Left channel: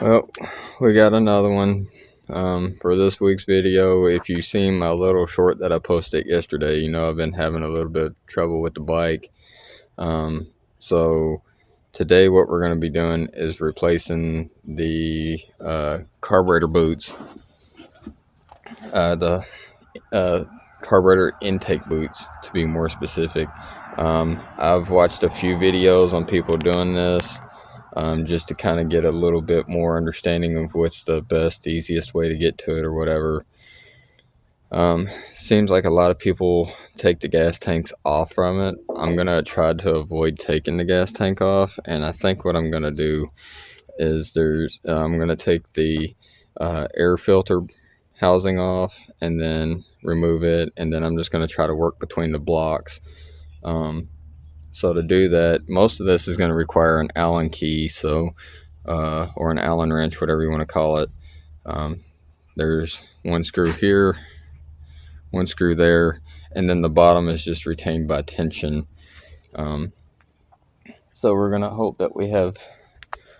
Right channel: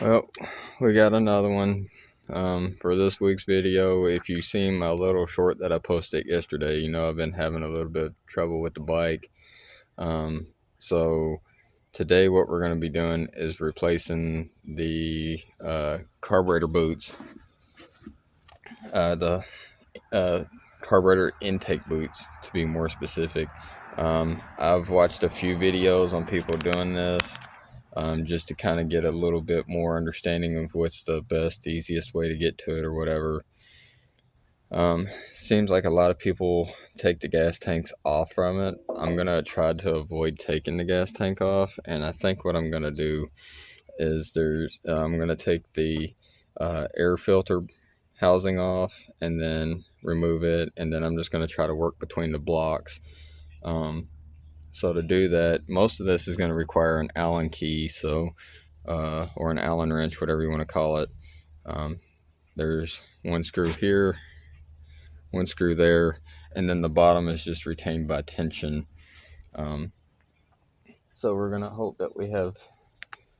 Well, we got another one for this week's video. If you've seen my little short that I posted yesterday, you know I've been having a little bit of trouble with the bike. So today what we're going to be doing is replacing the carburetor boots, the carburetor intake boots to be more specific. I've watched a few videos on people doing this. Just to kind of get a little bit more understanding of what's the best, easiest way to get to it or whatever. Seems like a lot of people take the gas tanks off from it. I'm going to try to avoid taking the gas tank off, and I think what I'm going to do is I'm going to take the air filter housing off and then remove it, and then I'm just going to try to work between the blocks. So to do that, most of this is going to require an Allen key, or an Allen wrench, whatever you want to call it. There's one screw here, one screw there, and then the bottom is just retained by tension. So we're going to hope that we have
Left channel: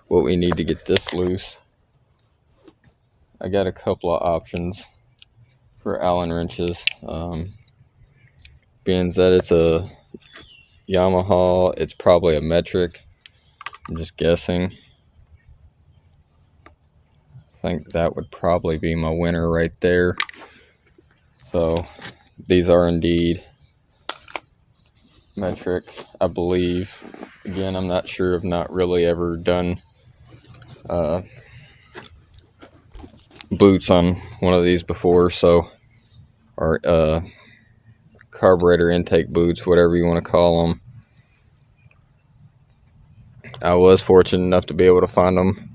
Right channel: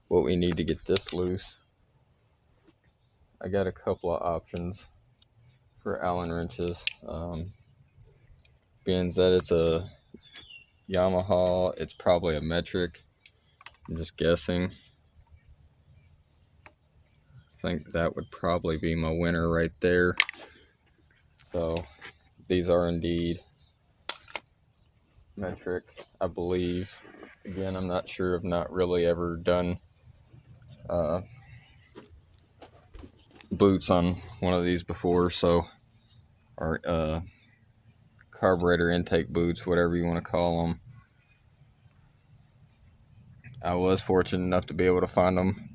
what we need to get this loose. I got a couple of options for Allen wrenches. Being that it's a Yamaha, it's probably a metric. I'm just guessing. I think that would probably be my winner right there. So these are indeed metric, I believe. Again, I'm not sure. I've not really ever done boots on one of these before, or carburetor intake boots, whatever you want to call them. I was fortunate enough to be able to find them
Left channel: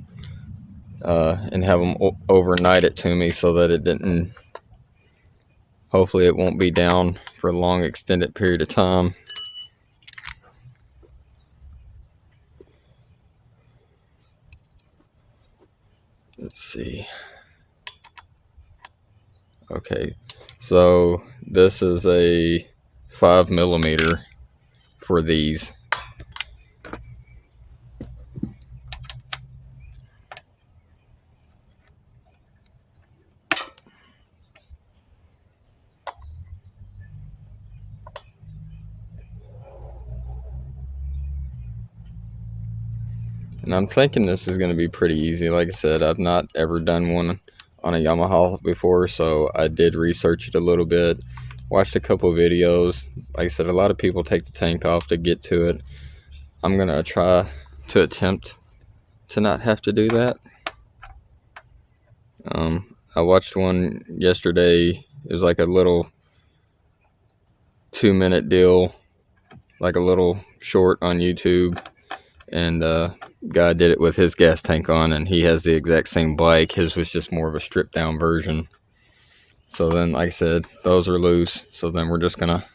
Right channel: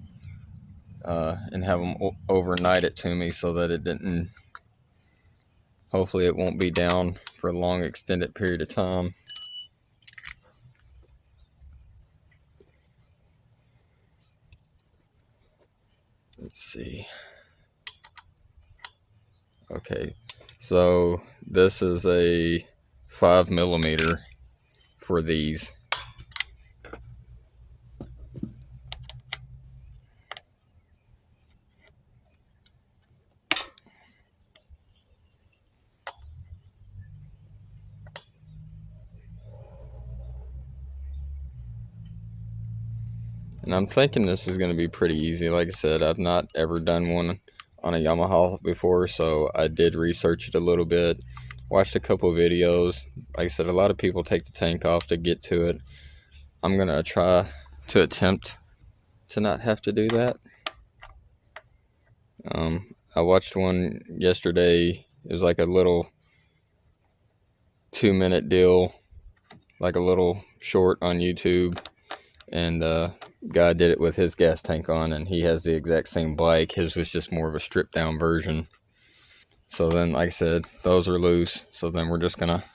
and have them overnight it to me so that it didn't, hopefully it won't be down for a long extended period of time. Let's see. Okay, so this is a 5mm for these. And I'm thinking this is going to be pretty easy. Like I said, I've not ever done one on a Yamaha before, so I did research it a little bit, watched a couple videos. Like I said, a lot of people take the tank off to get to it. I'm going to try to attempt to not have to do that. I watched one yesterday. It was like a little 2-minute deal, like a little short on YouTube. And guy did it with his gas tank on, and he has the exact same bike. His was just more of a stripped down version. So then, like I said, those are loose. So then we're just gonna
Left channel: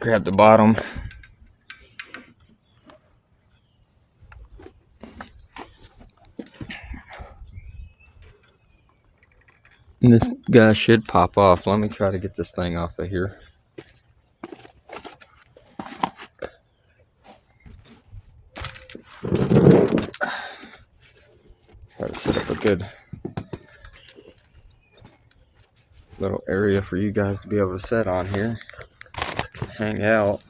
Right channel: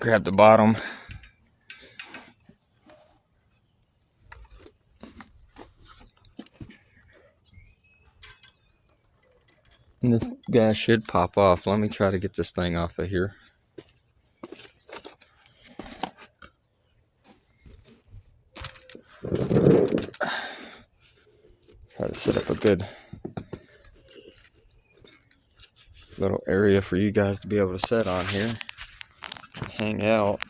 grab the bottom. And this guy should pop off. Let me try to get this thing off of here. Try to set up a good little area for you guys to be able to sit on here, hang out.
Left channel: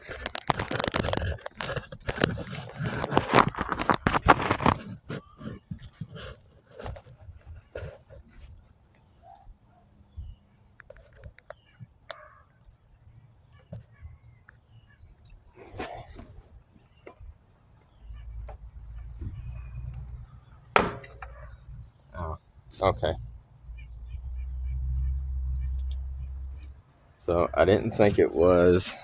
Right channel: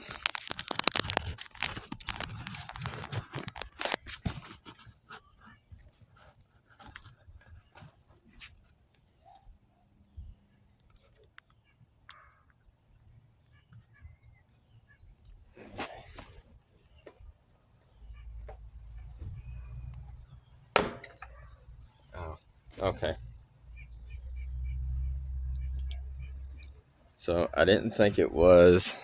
Okay. So I didn't think it was,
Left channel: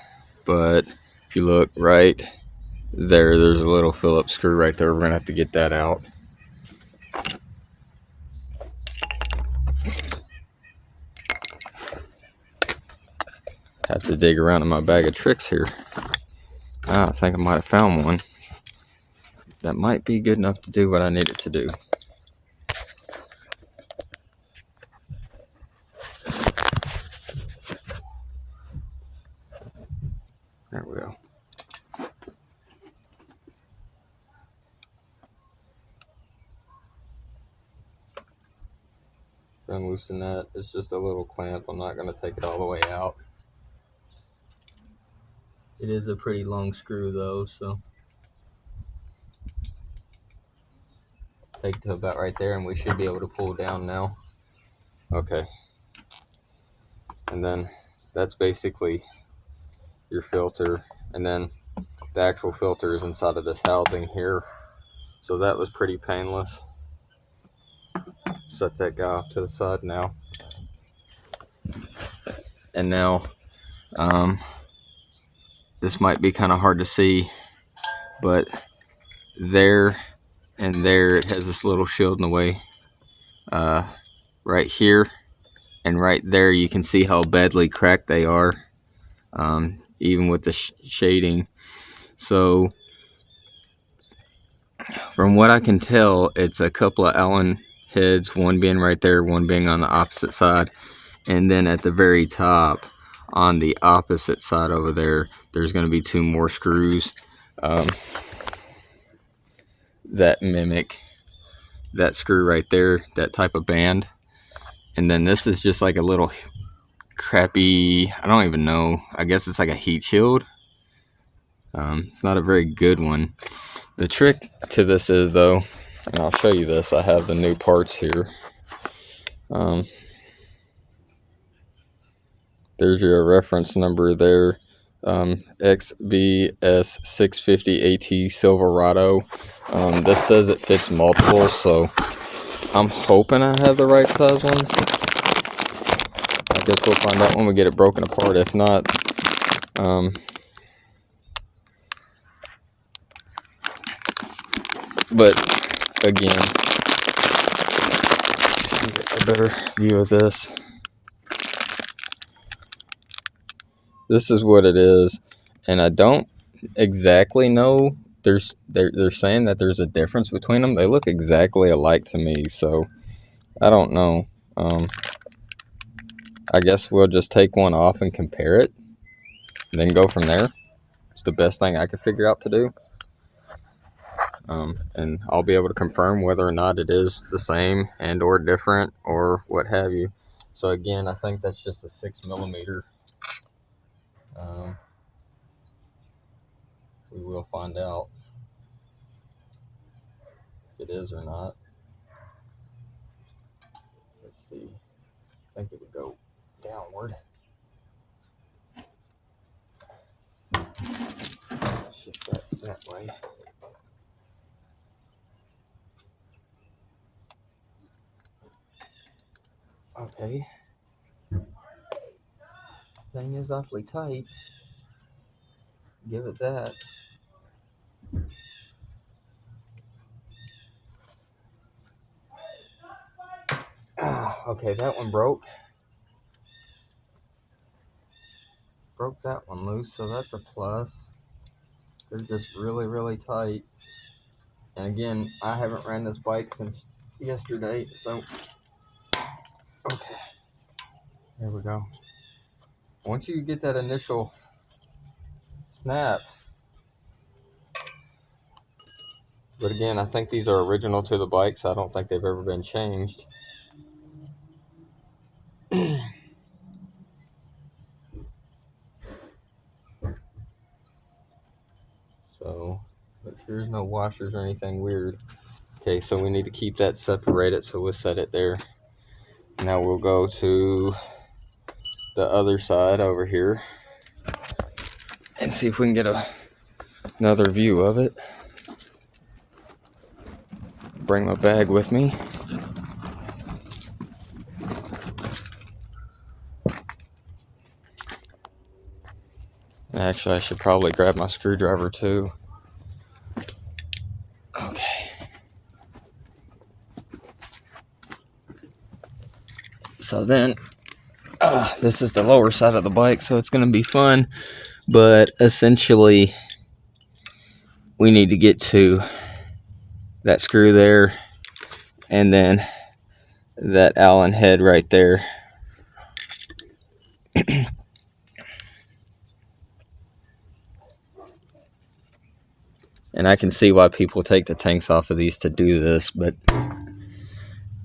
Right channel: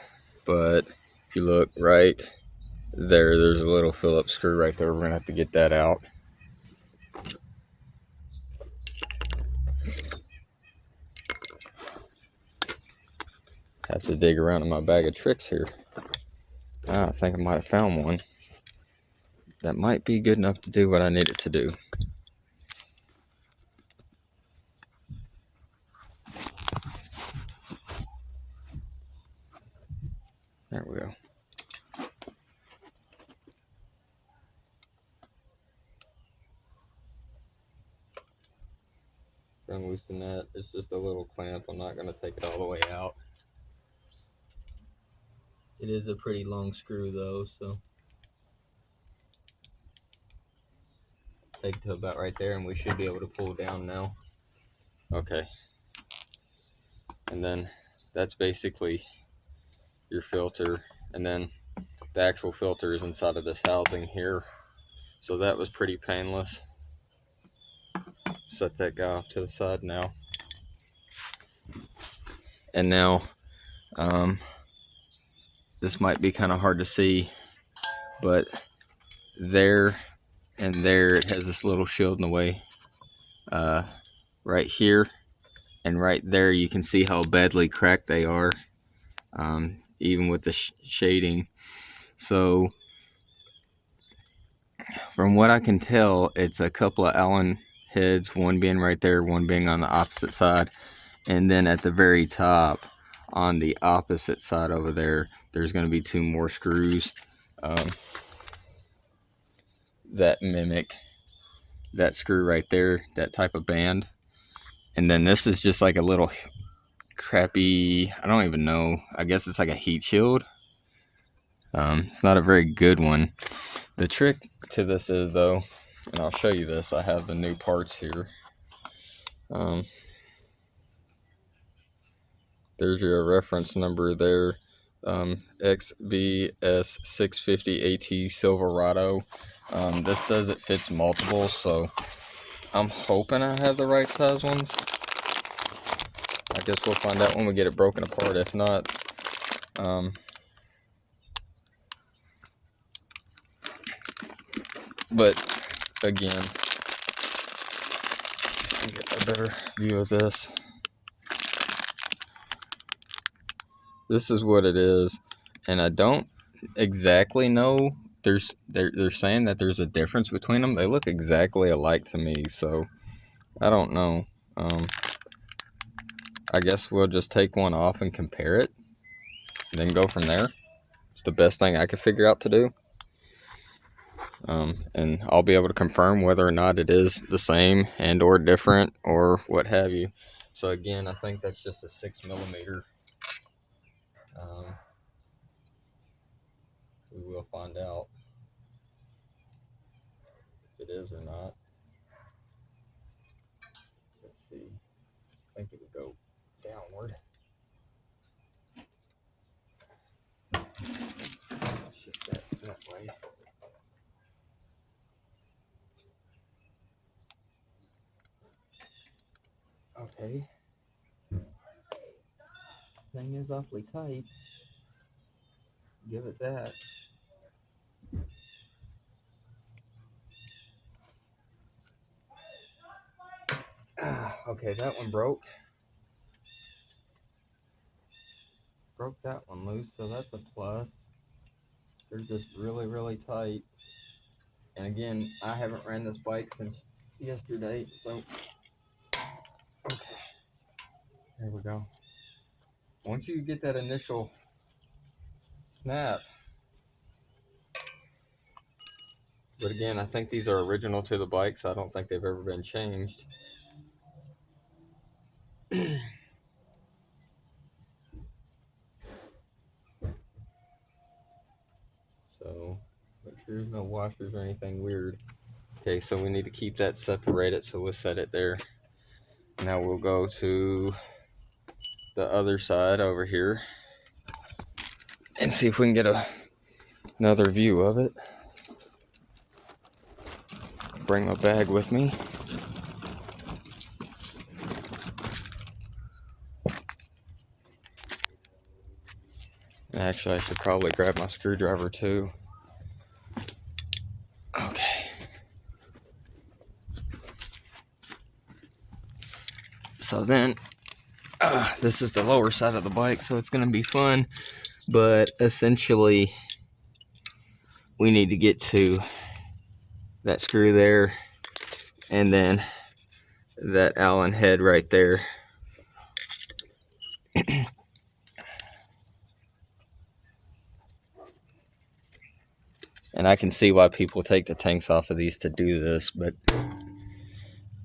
but if you look right there, there's a little Phillips screw right there. We're gonna have to get that out. Have to dig around in my bag of tricks here. I think I might have found one that might be good enough to do what I need it to do. There we go. and loosen that. It's just a little clamp. I'm not going to take it all the way out. It is a pretty long screw though, so take it to about right there and we should be able to pull down now. Okay. And then that's basically your filter, and then the actual filter is inside of this housing here. So that was pretty painless. Set that guy off to the side now. And now, this might be kind of hard to see, but there and there it has this little shield in the way. Right here and right there you can see how badly cracked they are, even with the shading. So from what I can tell, it's a couple of Allen heads, one being right there, one being on the opposite side, and then at the very top on the opposite side over there, there's going to be 2 more screws that mimic that screw right there, that type of band. And then this is just like a little crappy, I don't even know, I guess it's like a heat shield. It's not a very good one. The trick to this is though, and I'll show you this, I have the new parts here. There's your reference number there, XBS650AT Silverado. This says it fits multiple, so I'm hoping I have the right size ones. I guess we'll find out when we get it broken apart. If not, but again, get a better view of this. This is what it is, and I don't exactly know. They're saying that there's a difference between them. They look exactly alike to me, so I don't know. I guess we'll just take one off and compare it, and then go from there. It's the best thing I could figure out to do. And I'll be able to confirm whether or not it is the same and or different or what have you. So again, I think that's just a 6mm. We will find out if it is or not. Let's see. I think it would go downward. Shift that way. Okay. Thing is awfully tight. Give it that. Okay, that one broke. Broke that one loose, so that's a plus. They're just really, really tight. And again, I haven't ran this bike since yesterday, so okay. There we go. Once you get that initial snap, but again, I think these are original to the bike, so I don't think they've ever been changed. So, make sure there's no washers or anything weird. Okay, so we need to keep that separated, so we'll set it there. Now we'll go to the other side over here and see if we can get another view of it. Bring my bag with me. Actually, I should probably grab my screwdriver too. Okay. So then, this is the lower side of the bike, so it's going to be fun. But essentially, we need to get to that screw there, and then that Allen head right there. And I can see why people take the tanks off of these to do this, but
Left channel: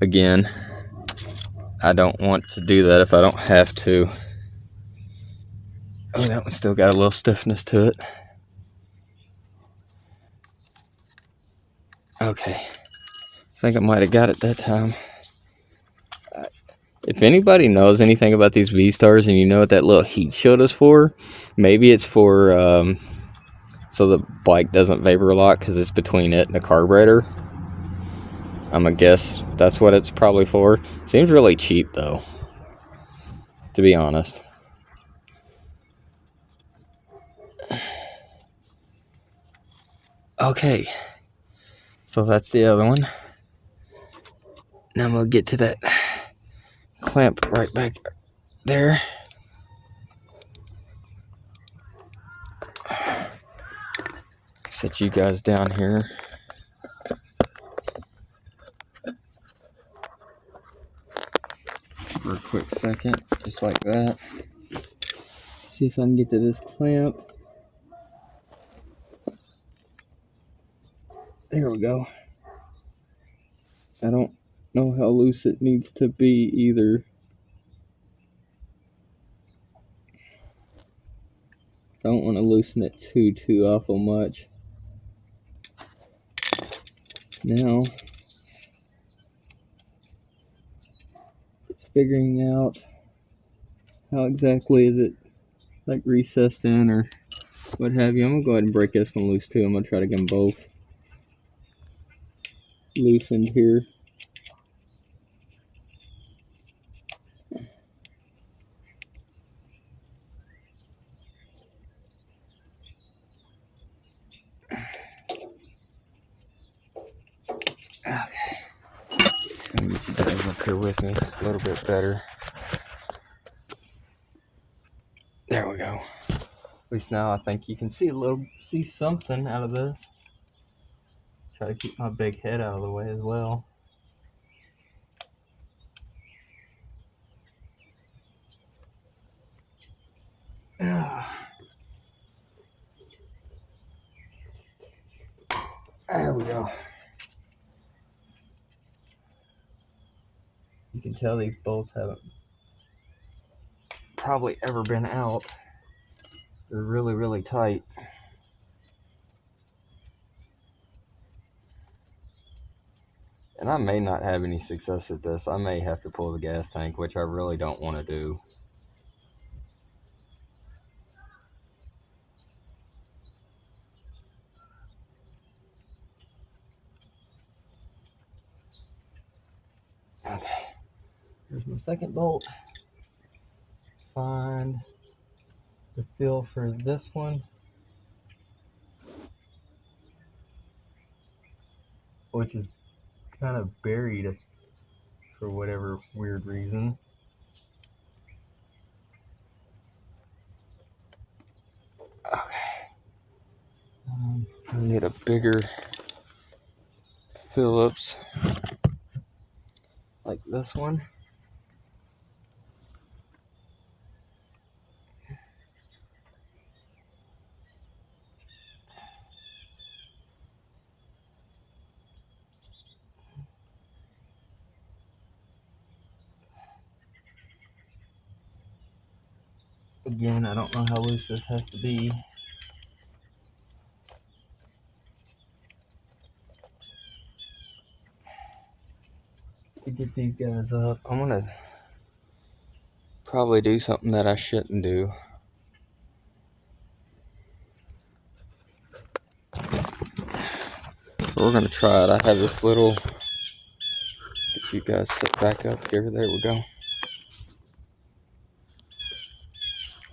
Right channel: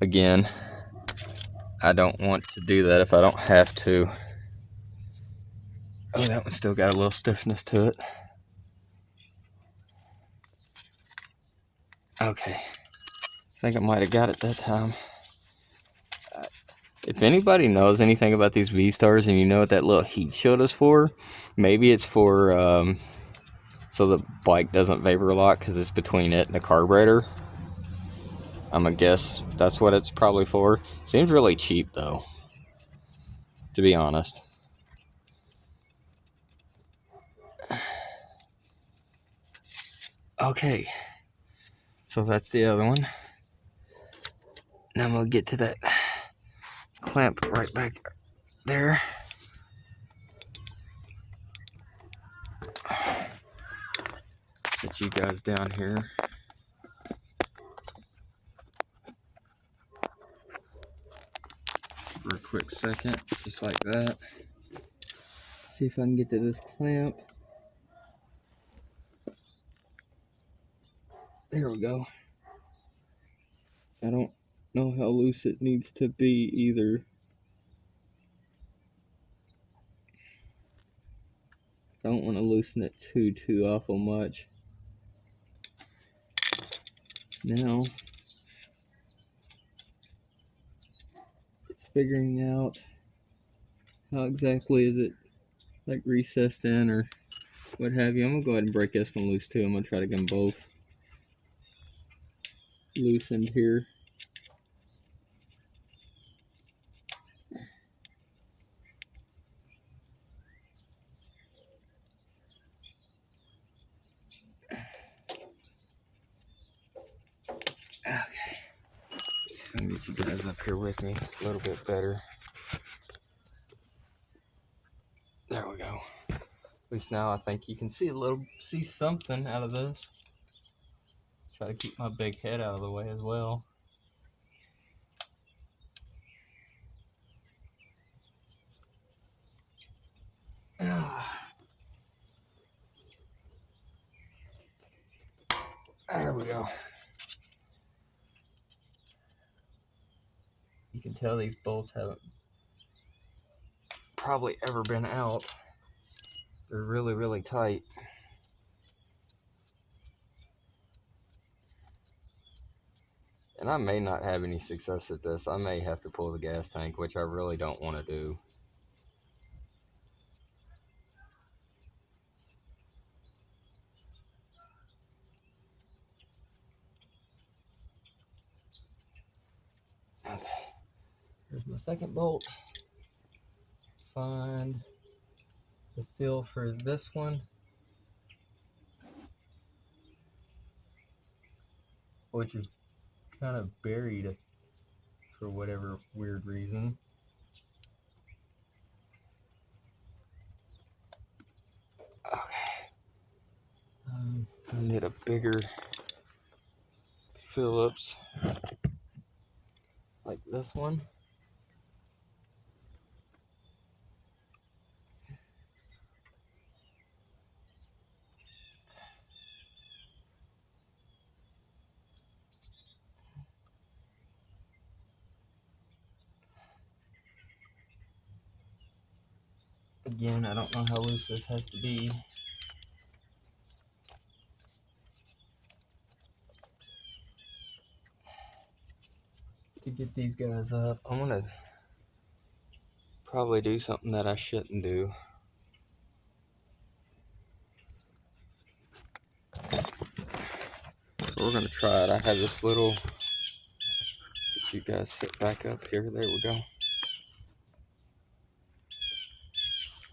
again, I don't want to do that if I don't have to. Oh, that one still got a little stiffness to it. Okay. I think I might have got it that time. If anybody knows anything about these vstars and you know what that little heat shield is for, maybe it's for so the bike doesn't vapor lock because it's between it and the carburetor. I'm gonna guess that's what it's probably for. Seems really cheap though, to be honest. Okay, so that's the other one. Now I'm gonna get to that clamp right back there. Set you guys down here. For a quick second, just like that. See if I can get to this clamp. There we go. I don't know how loose it needs to be either. Don't want to loosen it too awful much. Now it's figuring out how exactly is it like recessed in or what have you. I'm gonna go ahead and break this one loose too. I'm gonna try to get them both loosened here. Okay. Let me get you guys up here with me a little bit better. There we go. At least now I think you can see something out of this. Try to keep my big head out of the way as well. There we go. You can tell these bolts haven't probably ever been out. They're really tight. And I may not have any success at this. I may have to pull the gas tank, which I really don't want to do. Okay, here's my second bolt. Find the seal for this one, which is kind of buried for whatever weird reason. Okay. I need a bigger Phillips like this one. Again, I don't know how loose this has to be. To get these guys up, I'm gonna probably do something that I shouldn't do. But we're gonna try it. I have this little, get you guys sit back up here. There we go.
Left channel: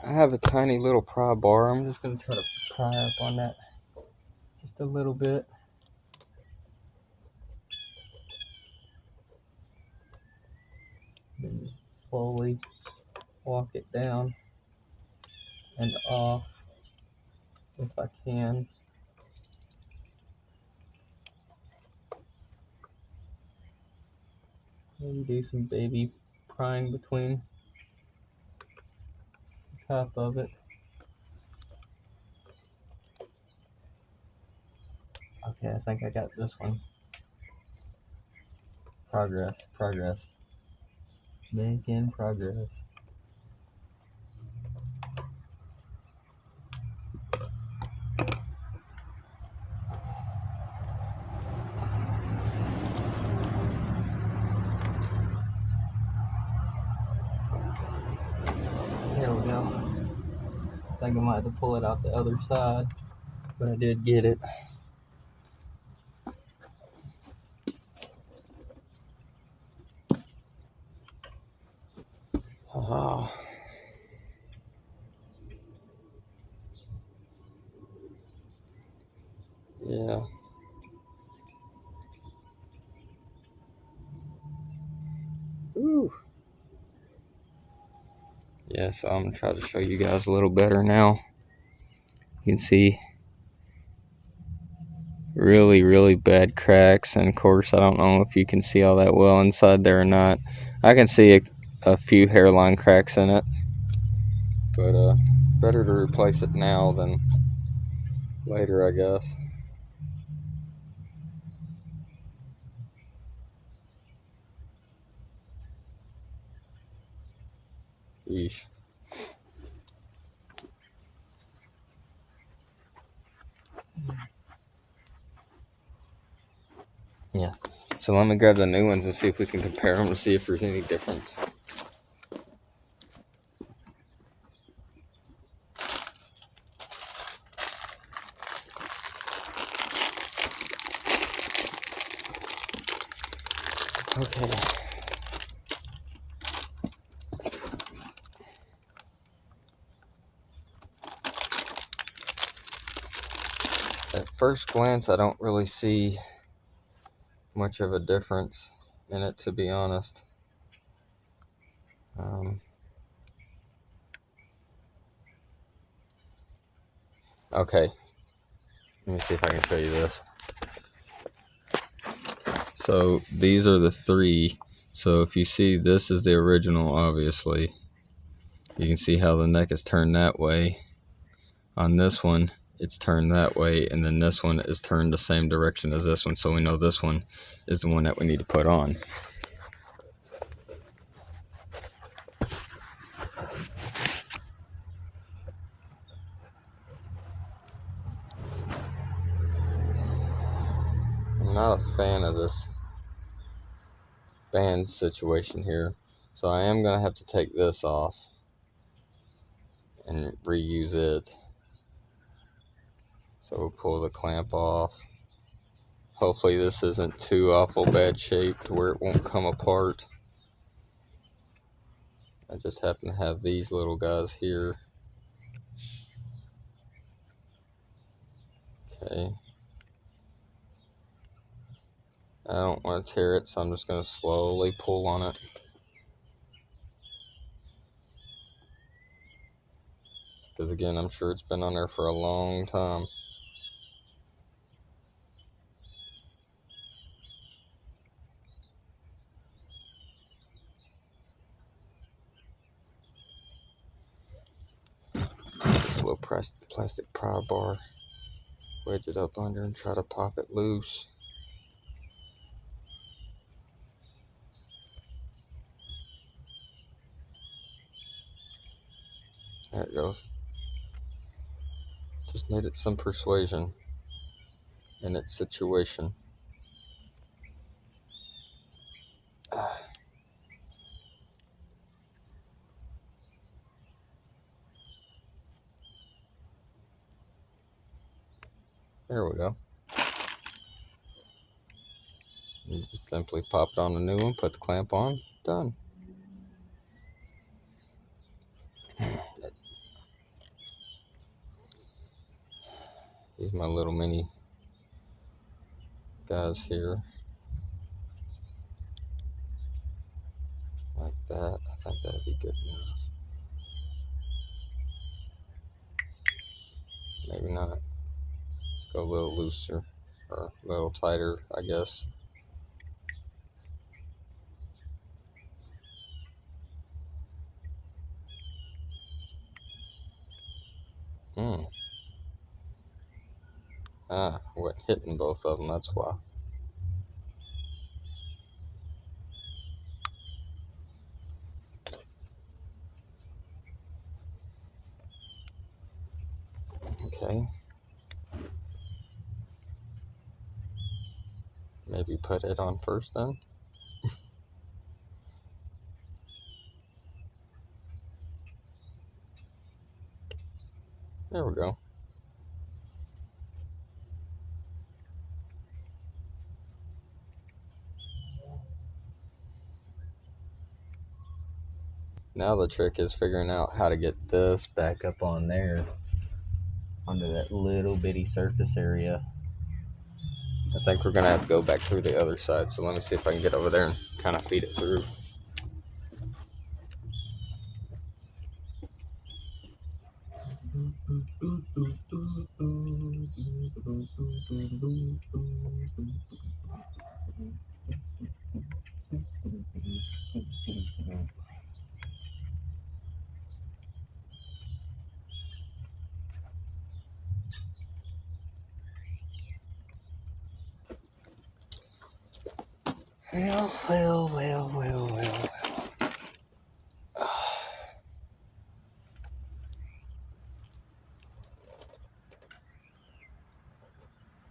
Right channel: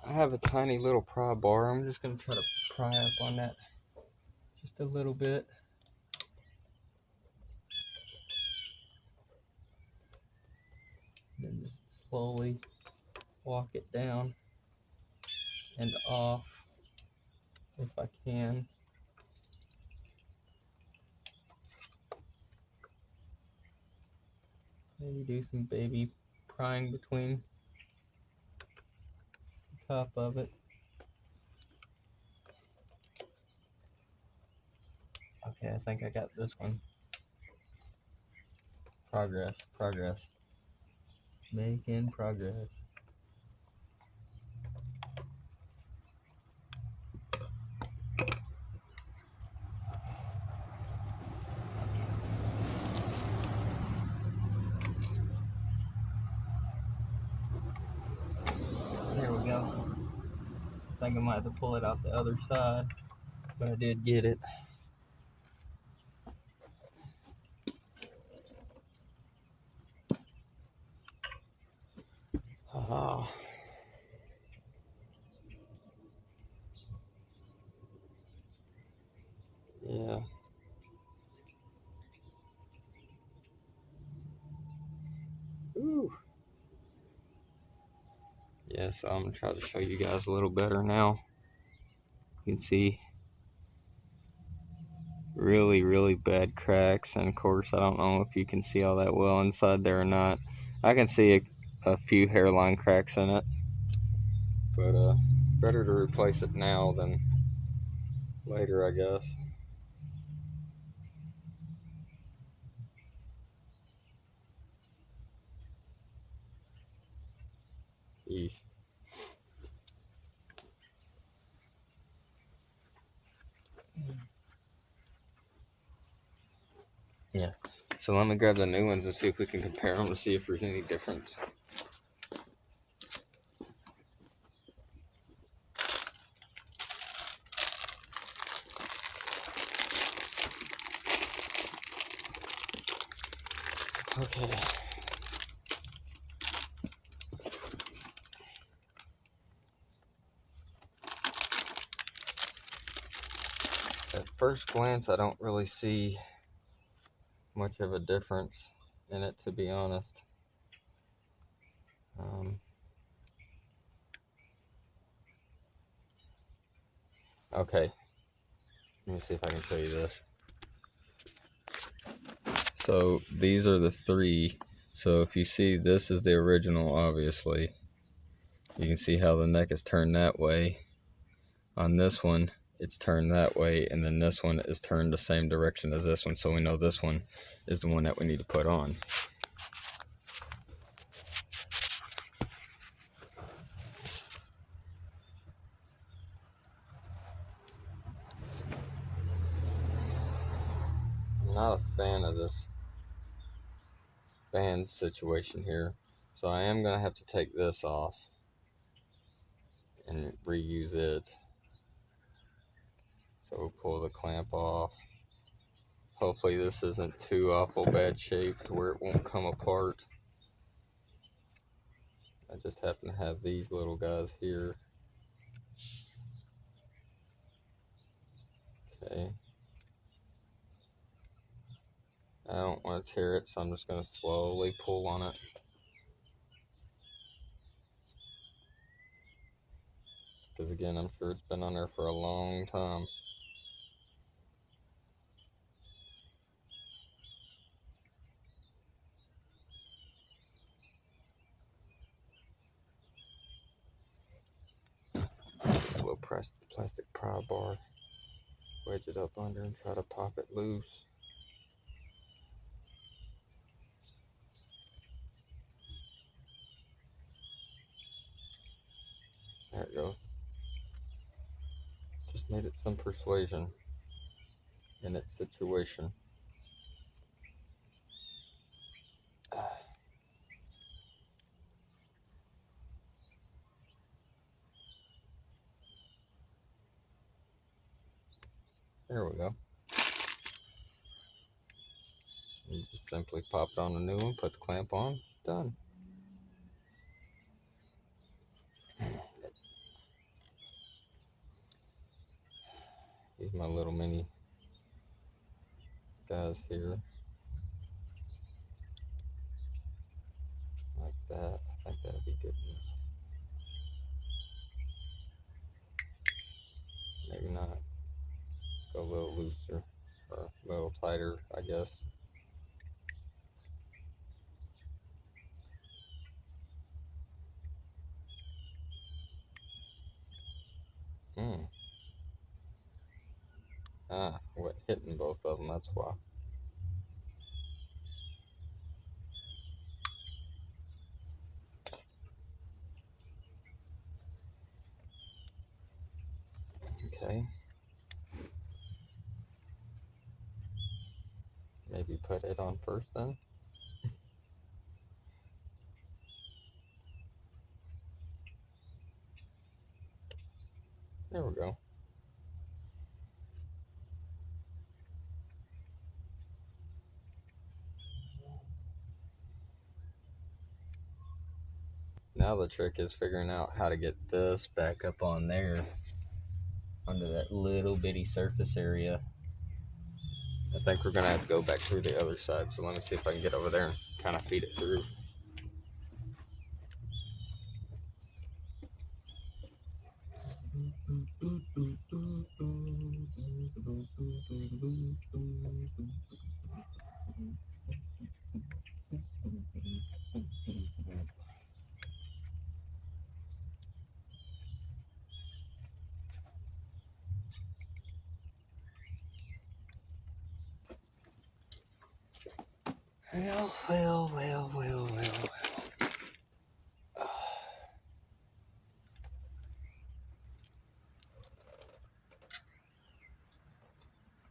I have a tiny little pry bar. I'm just gonna try to pry up on that just a little bit. And just slowly walk it down and off if I can. Maybe do some baby prying between the top of it. Okay, I think I got this one. Progress. Making progress. There we go. I think I might have to pull it out the other side, but I did get it. Oh. Yeah. Ooh. Yeah, so I'm gonna try to show you guys a little better now. You can see really bad cracks, and of course I don't know if you can see all that well inside there or not. I can see a few hairline cracks in it, but better to replace it now than later, I guess. Yeesh. Yeah. So let me grab the new ones and see if we can compare them or see if there's any difference. Okay. At first glance, I don't really see much of a difference in it, to be honest. Okay, let me see if I can show you this. So these are the three. So if you see, this is the original, obviously. You can see how the neck is turned that way. On this one, it's turned that way, and then this one is turned the same direction as this one, so we know this one is the one that we need to put on. I'm not a fan of this band situation here, so I am going to have to take this off and reuse it. So we'll pull the clamp off. Hopefully this isn't too awful bad shape to where it won't come apart. I just happen to have these little guys here. Okay. I don't want to tear it, so I'm just going to slowly pull on it. Because again, I'm sure it's been on there for a long time. Take this little plastic pry bar, wedge it up under and try to pop it loose. There it goes. Just needed some persuasion in its situation. There we go. You just simply pop it on the new one, put the clamp on, done. These are my little mini guys here. Like that. I think that'll be good enough. Maybe not. Let's go a little looser, or a little tighter, I guess. What, hitting both of them, that's why. Okay. Maybe put it on first then. There we go. Now the trick is figuring out how to get this back up on there, onto that little bitty surface area. I think we're gonna have to go back through the other side, so let me see if I can get over there and kind of feed it through. Well.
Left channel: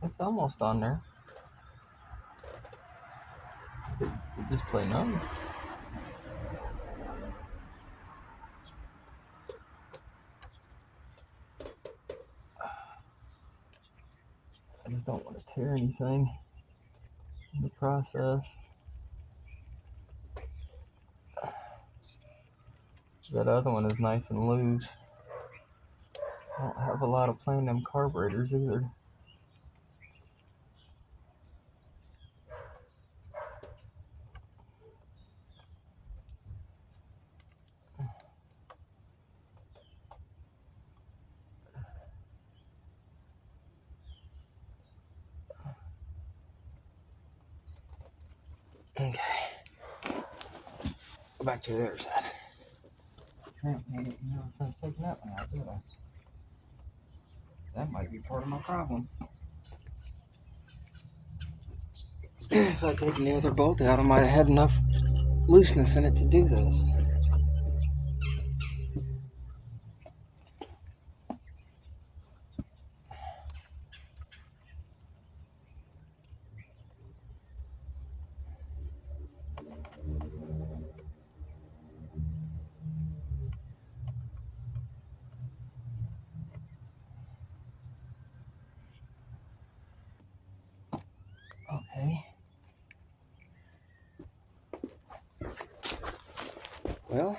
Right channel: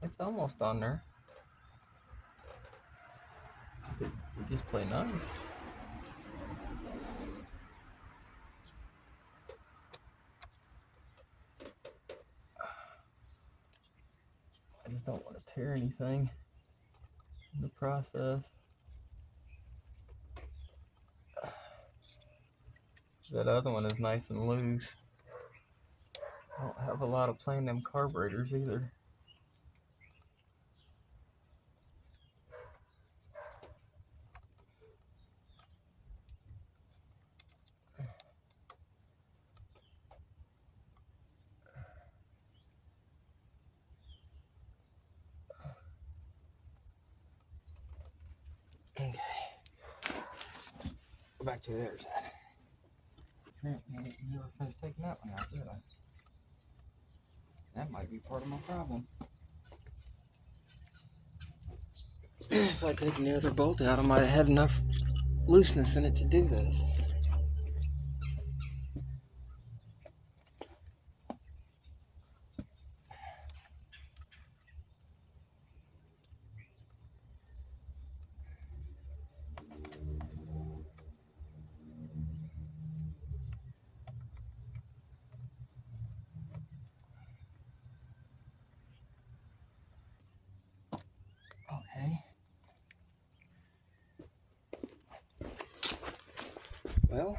It's almost on there. Just play nice. I just don't want to tear anything in the process. That other one is nice and loose. I don't have a lot of playing them carburetors either. Okay. Go back to the other side. Never finished taking that one out, did I? That might be part of my problem. If I'd taken the other bolt out, I might have had enough looseness in it to do this. Okay. Well,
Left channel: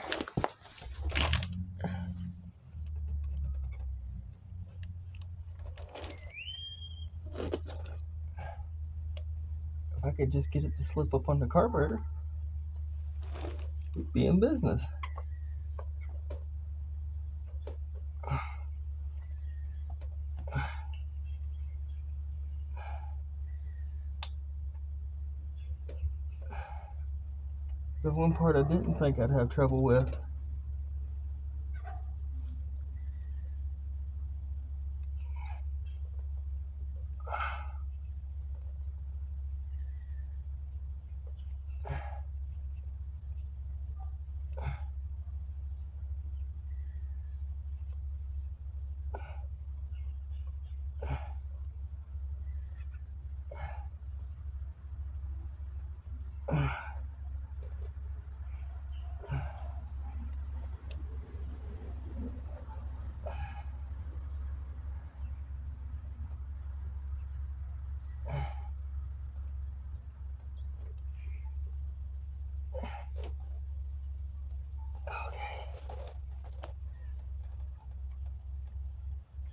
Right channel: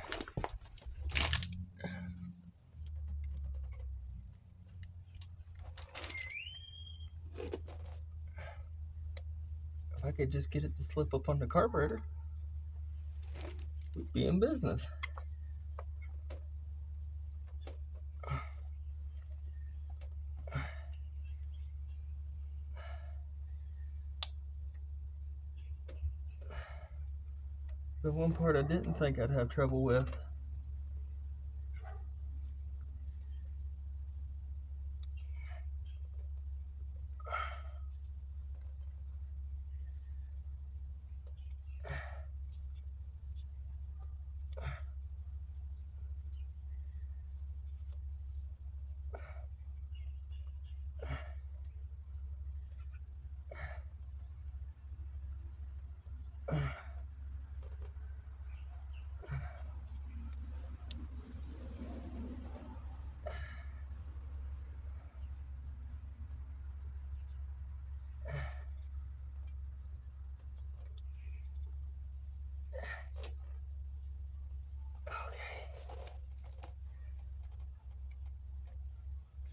if I could just get it to slip up on the carburetor, we'd be in business. The one part I didn't think I'd have trouble with.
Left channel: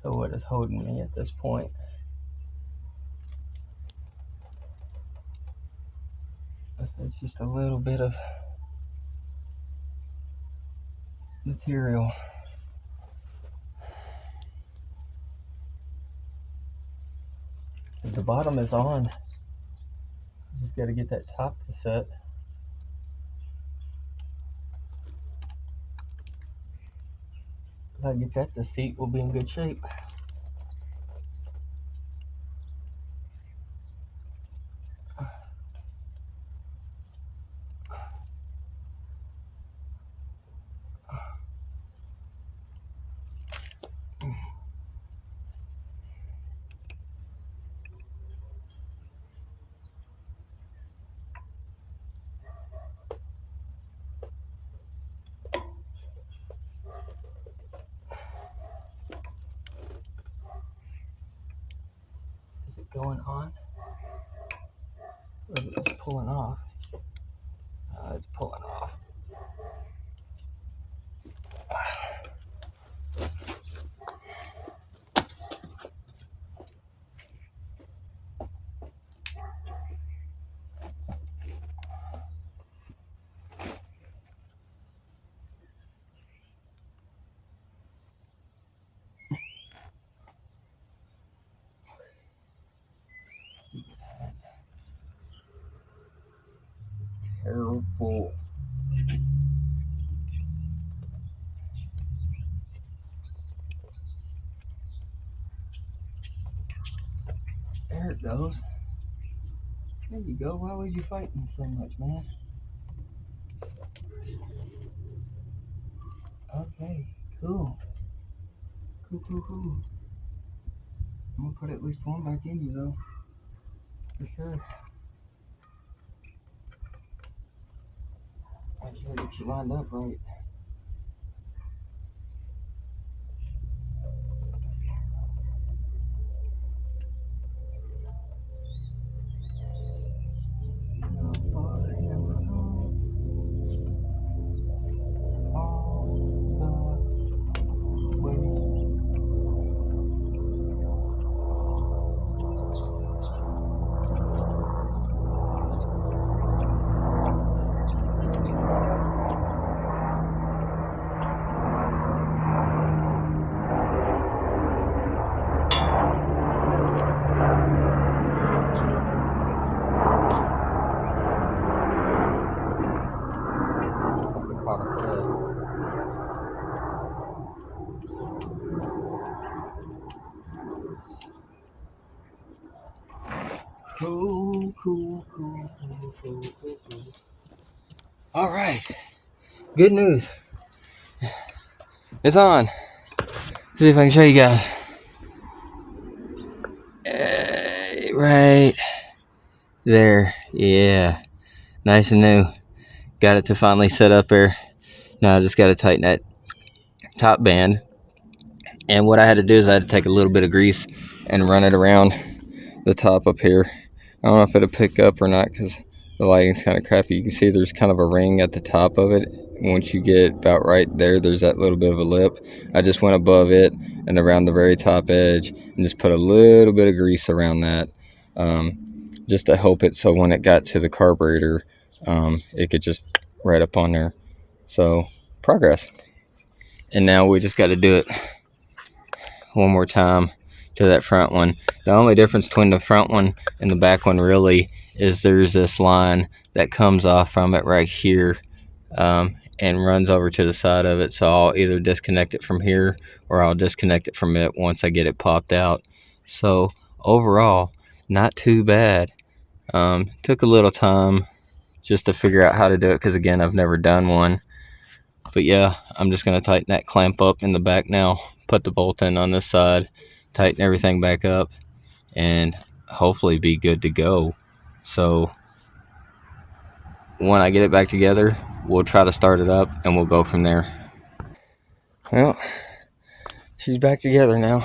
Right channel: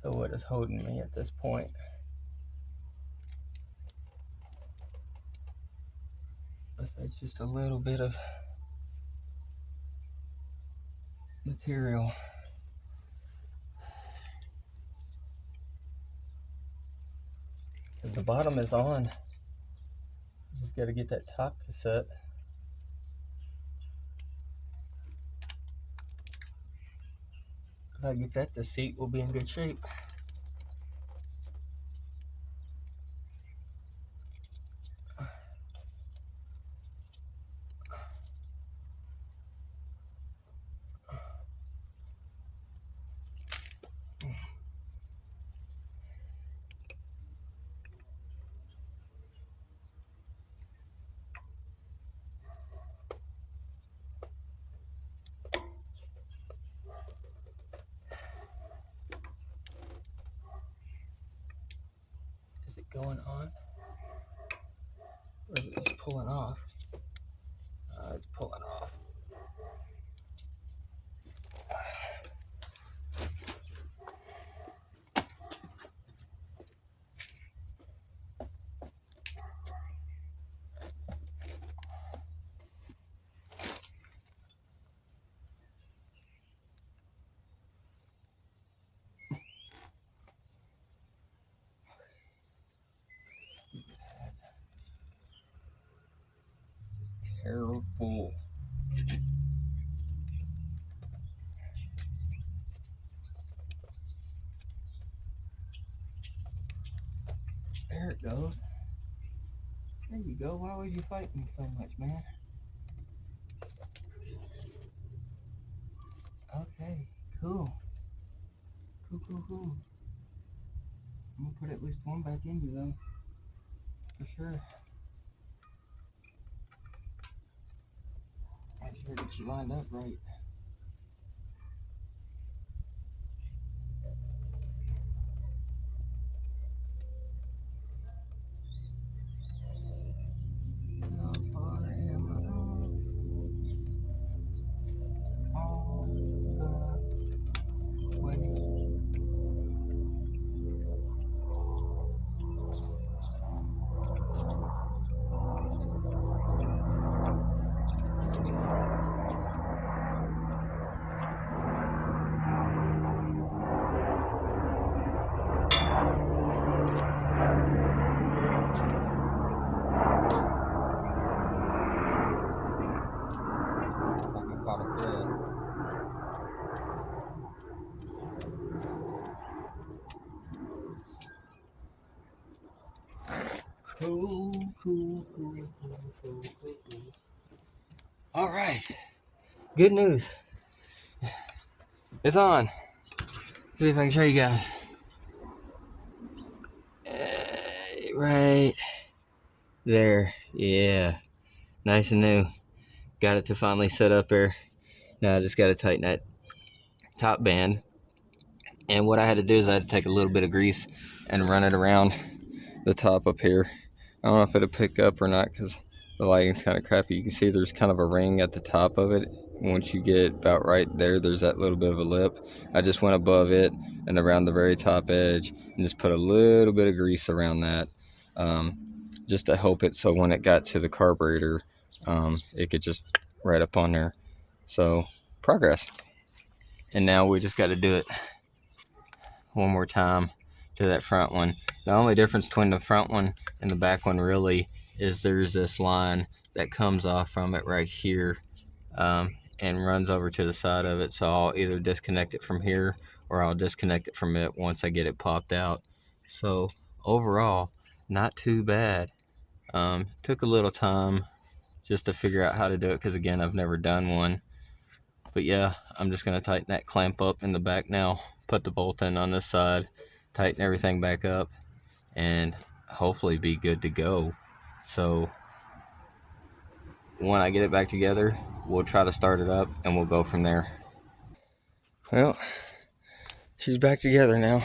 So what is holding me at this point? It's just a little bit of material. The bottom is on. Just got to get that top to set. If I get that to seat, we'll be in good shape. going on. It's pulling off. It's pulling off. Terrible. There it goes. There you go. Why was you fighting so much, man? Okay, cool. Cool. I'm gonna put at least one back in you though, for sure. Make sure I get you lined up right. Cool. All right. Good news. It's on. See if I can show you guys. Right there. Yeah. Nice and new. Got it to finally set up there. Now I just got to tighten that top band. And what I had to do is I had to take a little bit of grease and run it around the top up here. I don't know if it'll pick up or not because the lighting's kind of crappy. You can see there's kind of a ring at the top of it. Once you get about right there, there's that little bit of a lip. I just went above it and around the very top edge and just put a little bit of grease around that, just to help it so when it got to the carburetor, it could just right up on there. So progress. And now we just got to do it one more time to that front one. The only difference between the front one and the back one really is there's this line that comes off from it right here, and runs over to the side of it. So I'll either disconnect it from here or I'll disconnect it from it once I get it popped out. So overall, not too bad. Took a little time just to figure out how to do it because again, I've never done one. But yeah, I'm just going to tighten that clamp up in the back now, put the bolt in on this side, tighten everything back up, and hopefully be good to go. So when I get it back together, we'll try to start it up and we'll go from there. Well, she's back together now.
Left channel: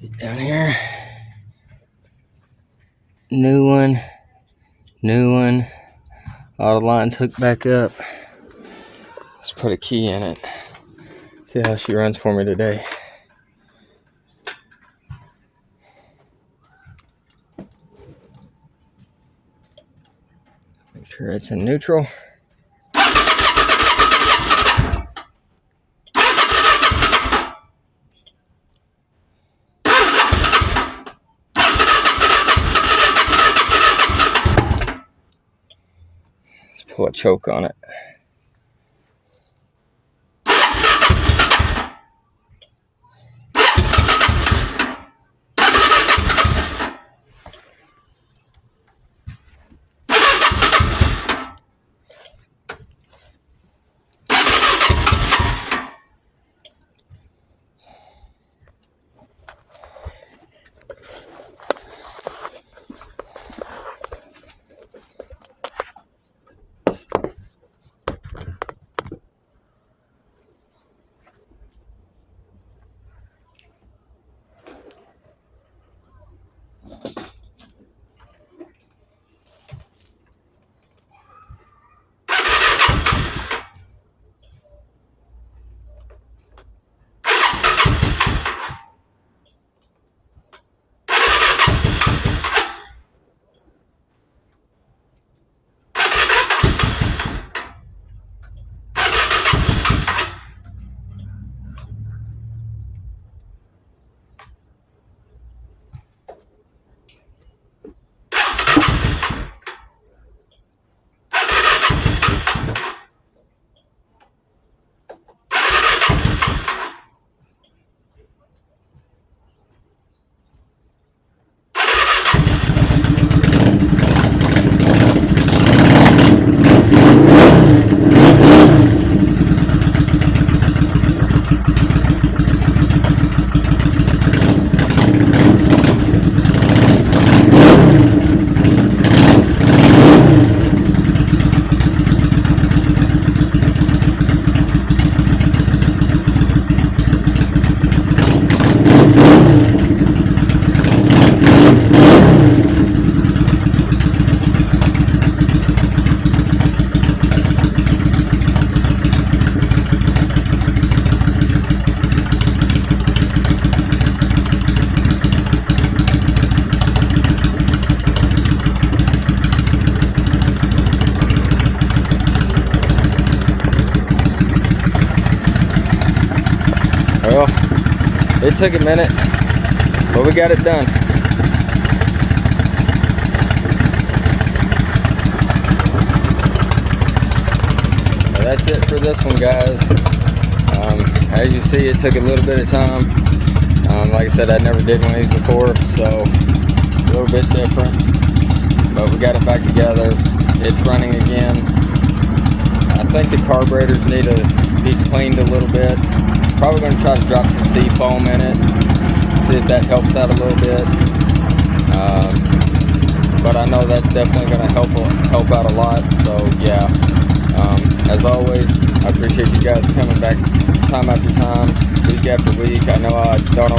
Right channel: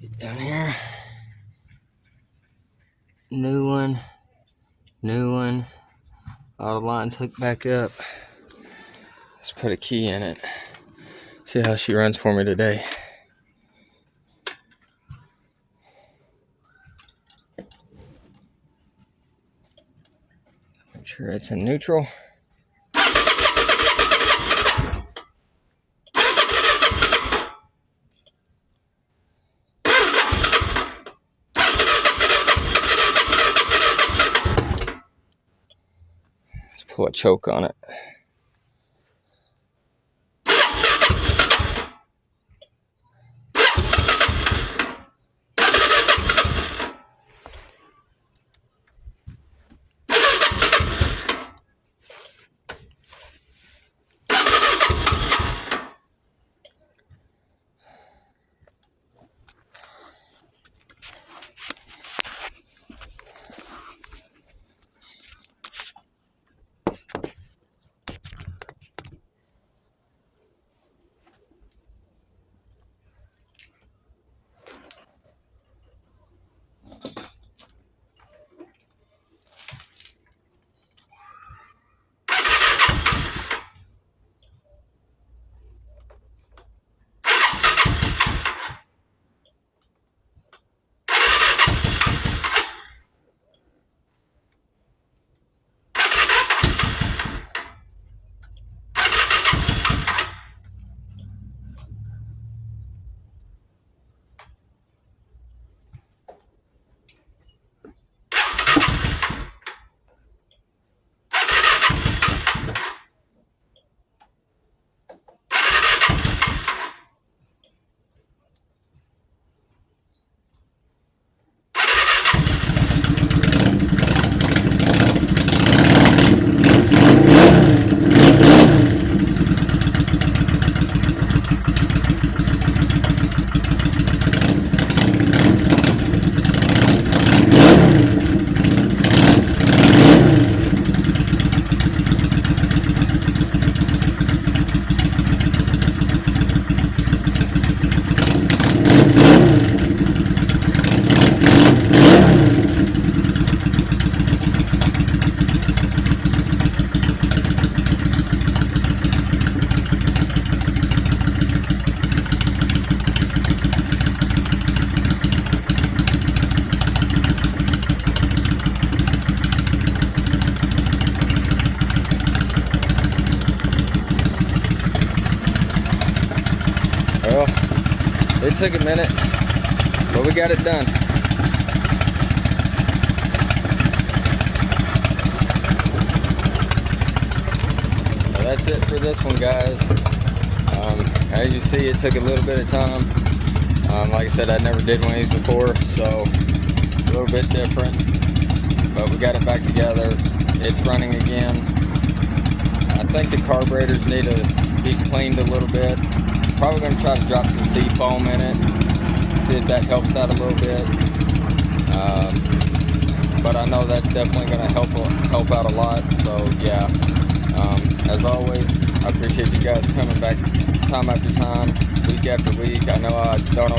Get down here. New one. All the lines hooked back up. Let's put a key in it. See how she runs for me today. Make sure it's in neutral. Let's pull a choke on it. It took a minute, but we got it done. Well, that's it for this one, guys. As you see, it took a little bit of time. Like I said, I never did one of these before, so a little bit different, but we got it back together. It's running again. I think the carburetors need to be cleaned a little bit. Probably going to try to drop some sea foam in it, see if that helps out a little bit. But I know that's definitely going to help out a lot. So yeah, as always, I appreciate you guys coming back time after time, week after week. I know I don't